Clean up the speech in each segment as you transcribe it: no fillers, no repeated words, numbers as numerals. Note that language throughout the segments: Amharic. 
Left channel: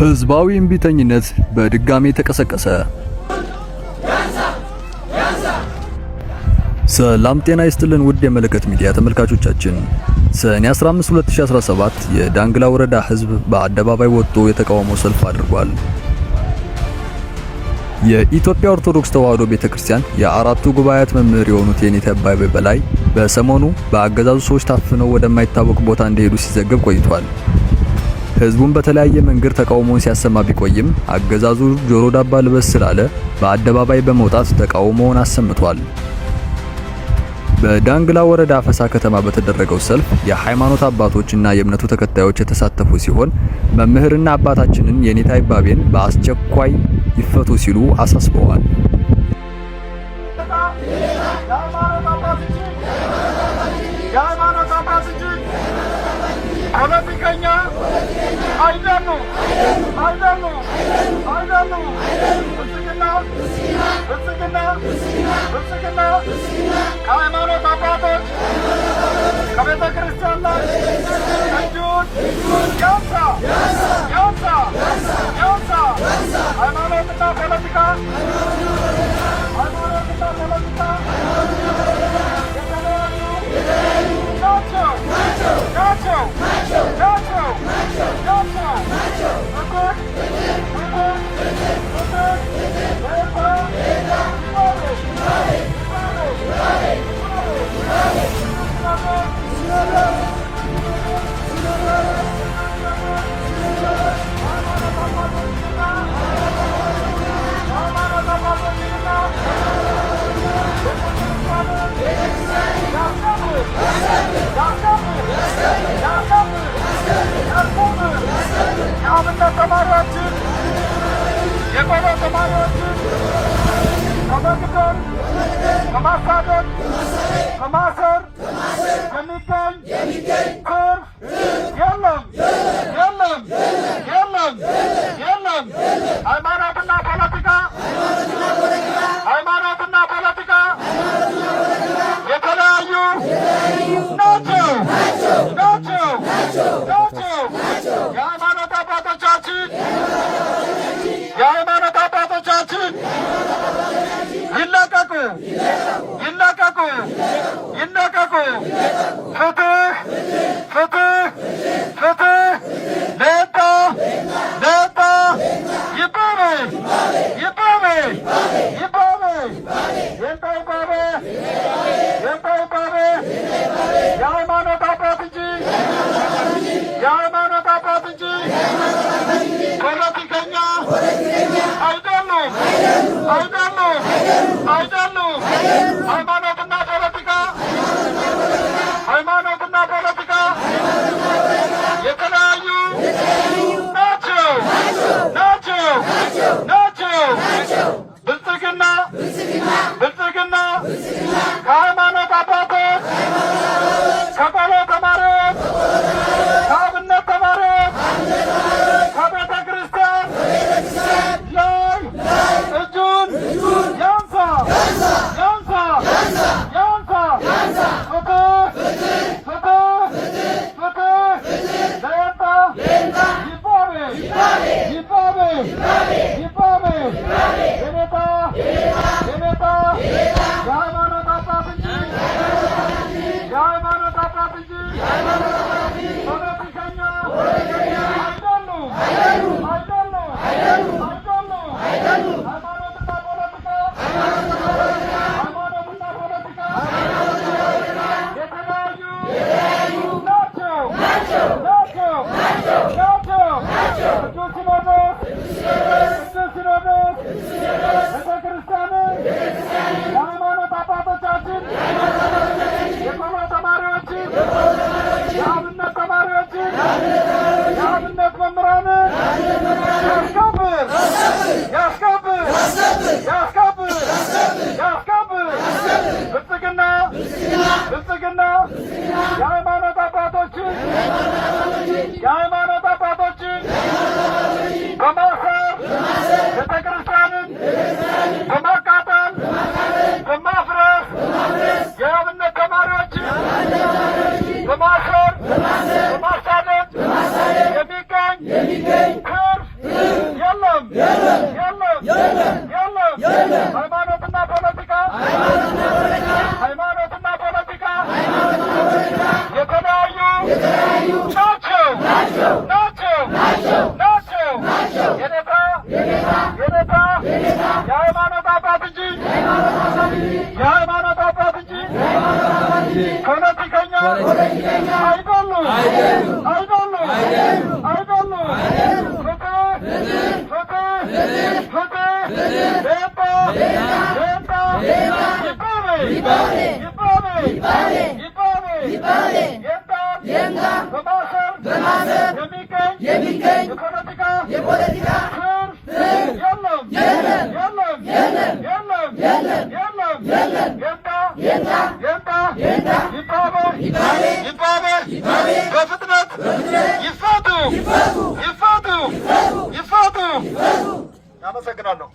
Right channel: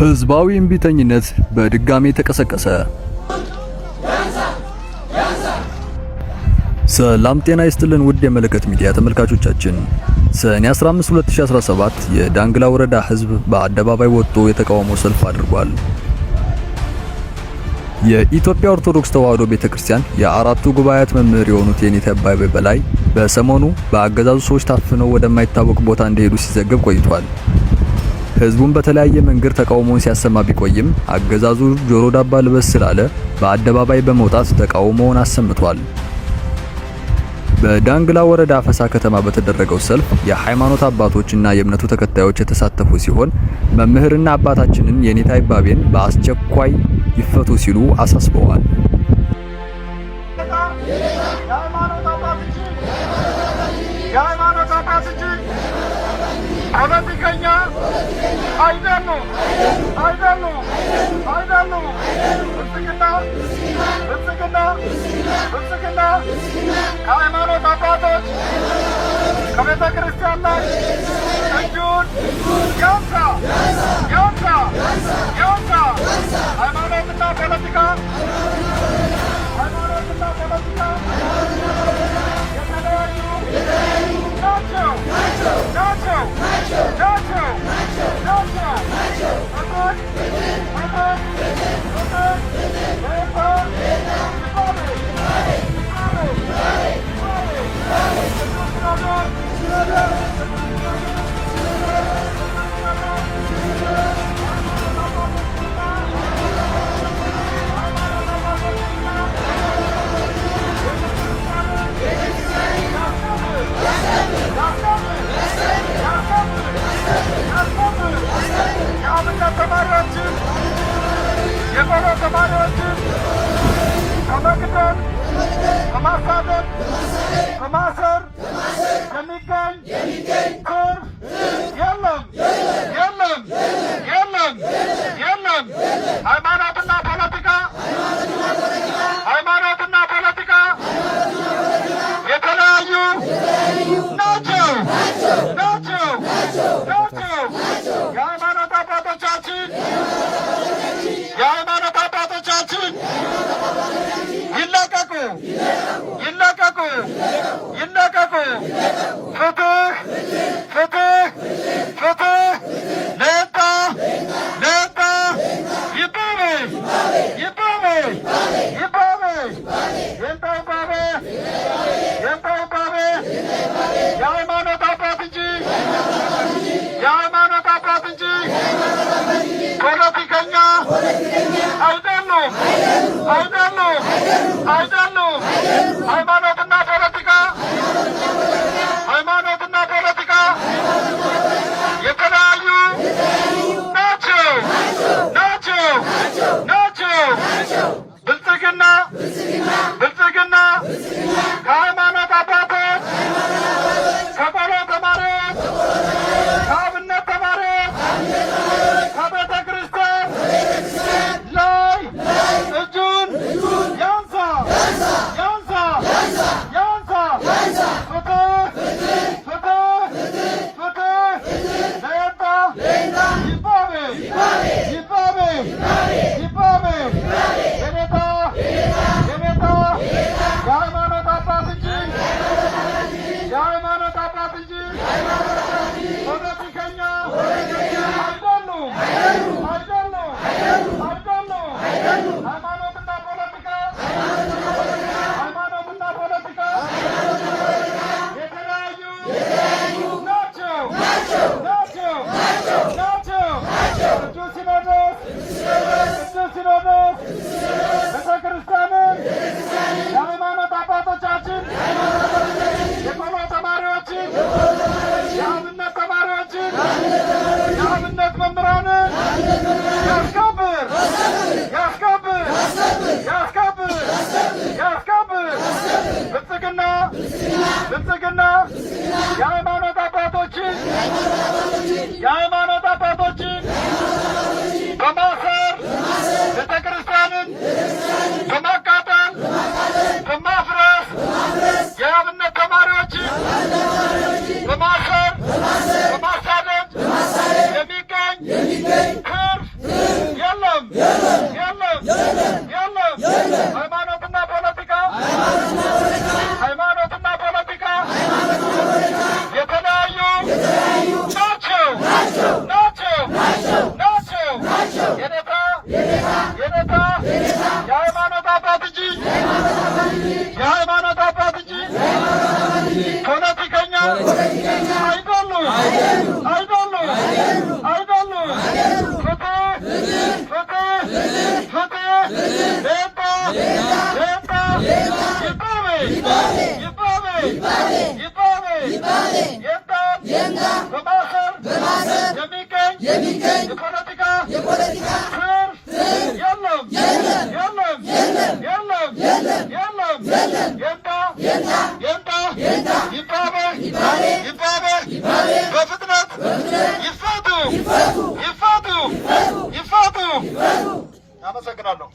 ህዝባዊ እምቢተኝነት በድጋሚ ተቀሰቀሰ። ሰላም ጤና ይስጥልን ውድ የመለከት ሚዲያ ተመልካቾቻችን፣ ሰኔ 15 2017 የዳንግላ ወረዳ ህዝብ በአደባባይ ወጥቶ የተቃውሞ ሰልፍ አድርጓል። የኢትዮጵያ ኦርቶዶክስ ተዋሕዶ ቤተክርስቲያን የአራቱ ጉባኤያት መምህር የሆኑት የኔታ አባይ በላይ በሰሞኑ በአገዛዙ ሰዎች ታፍነው ወደማይታወቅ ቦታ እንደሄዱ ሲዘገብ ቆይቷል። ህዝቡን በተለያየ መንገድ ተቃውሞውን ሲያሰማ ቢቆይም አገዛዙ ጆሮ ዳባ ልበስ ስላለ በአደባባይ በመውጣት ተቃውሞውን አሰምቷል። በዳንግላ ወረዳ አፈሳ ከተማ በተደረገው ሰልፍ የሃይማኖት አባቶችና የእምነቱ ተከታዮች የተሳተፉ ሲሆን መምህርና አባታችንን የኔታ አባይን በአስቸኳይ ይፈቱ ሲሉ አሳስበዋል። ፖለቲከኛ አይደሉም። ሃይማኖት አባቶች ከቤተ ክርስቲያን ላይ እጁን ያንሳ። ሃይማኖትና ፖለቲካ የተለያዩ ናቸው። የአብነት ተማሪዎችን የቆሎ ተማሪዎችን ከመግደል ከማሳደድ ከማሰር የሚገኝ ትርፍ የለም። ሃይማኖትና ፖለቲካ የተለያዩ ናቸው። የሃይማኖት አባቶቻችን ይለቀቁ። ፍትህ ለባ ይባቤ የሃይማኖት አባት እንጂ ፖለቲከኛ አይደሉም። ሃይማኖትና ፖለቲካ የተለያዩ ናቸው። ብልጽግና ከሃይማኖት አባቶች ከቆሎ ተማሪዎች ከአብነት ተማሪዎች ከቤተ ክርስቲያን ላይ እጁን ያንሳ። የሃይማኖት አባት እንጂ ፖለቲከኛ አይደሉም። ሃይማኖትና ፖለቲካ የተለያዩ ናቸው። ቅዱስ ሲኖዶስ ቤተክርስቲያንን የሃይማኖት አባቶቻችን የቆሎ ተማሪዎችን የአብነት ተማሪዎችን የአብነት መምህራንን ያስከብር። ብልጽግና የሃይማኖት አባቶችን በማሰር ቤተክርስቲያንን በማቃጠል በማፍረስ የአብነት ተማሪዎችን በማሰር በማሳደድ የሚገኝ ትርፍ አይደሉም አይደሉም አይደሉም። ፍትህ ሌባ ይባቤ በማሰር የሚገኝ የፖለቲካ ትርፍ የለም። ይባቤ በፍጥነት ይፋቱ። አመሰግናለሁ።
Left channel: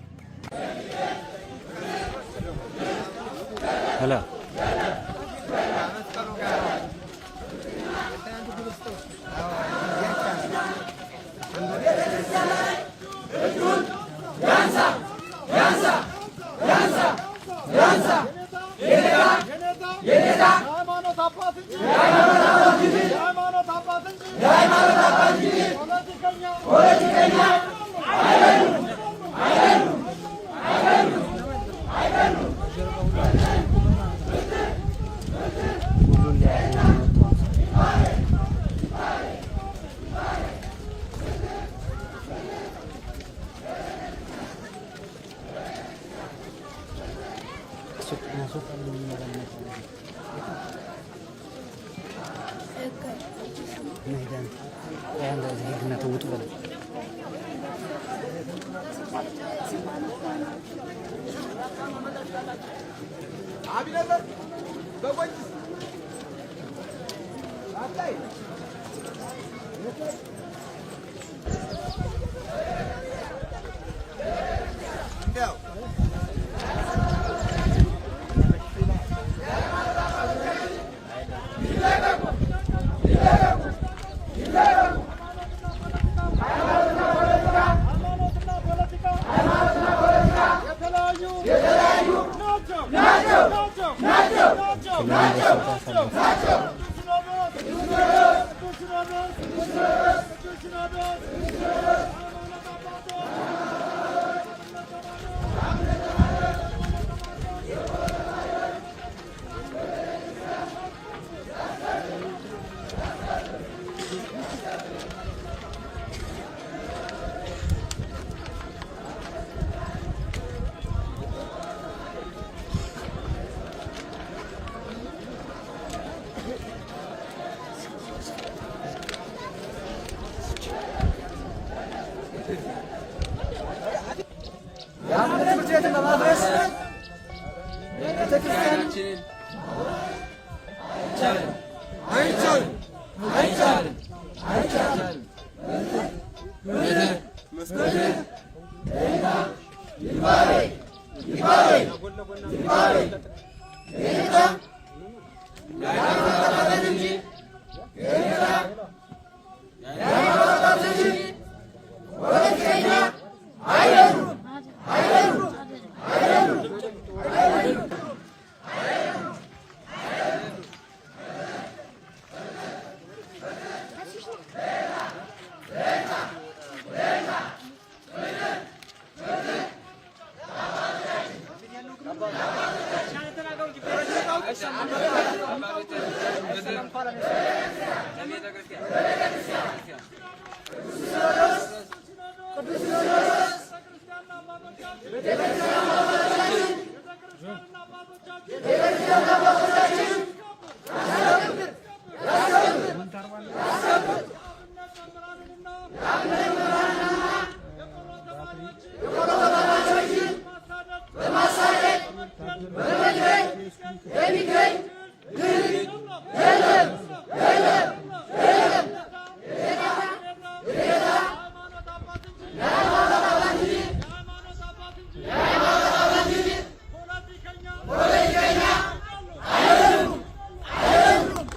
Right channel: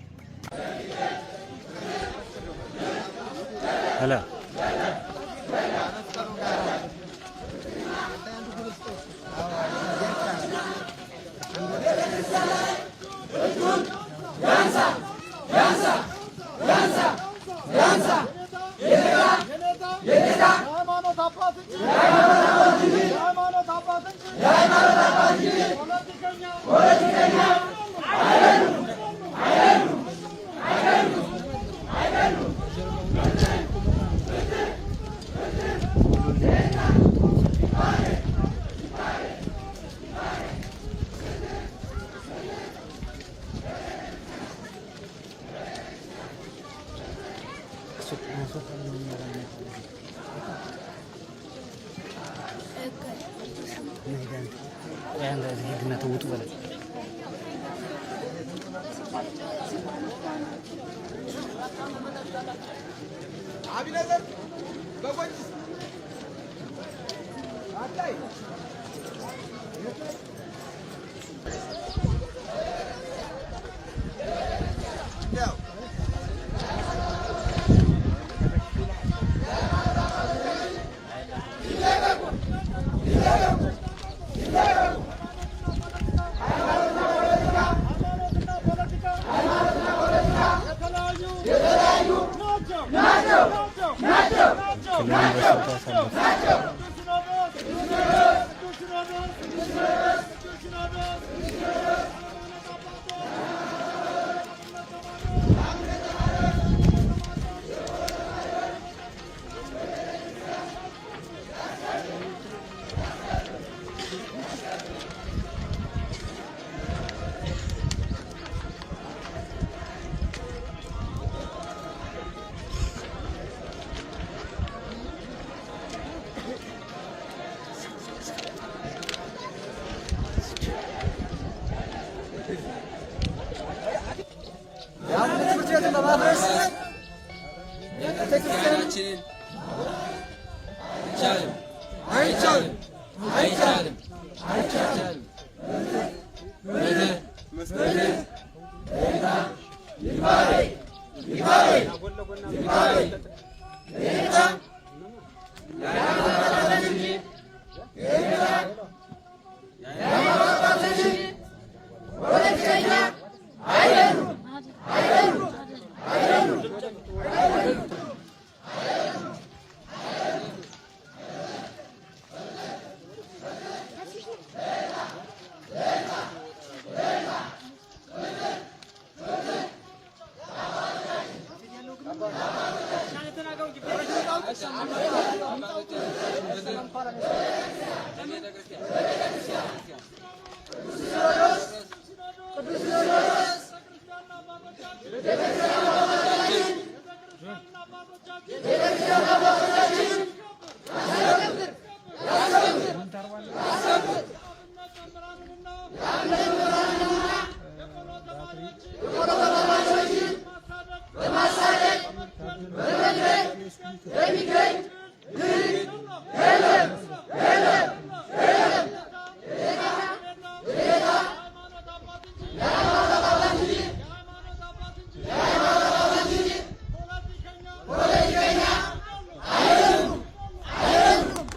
Gracias.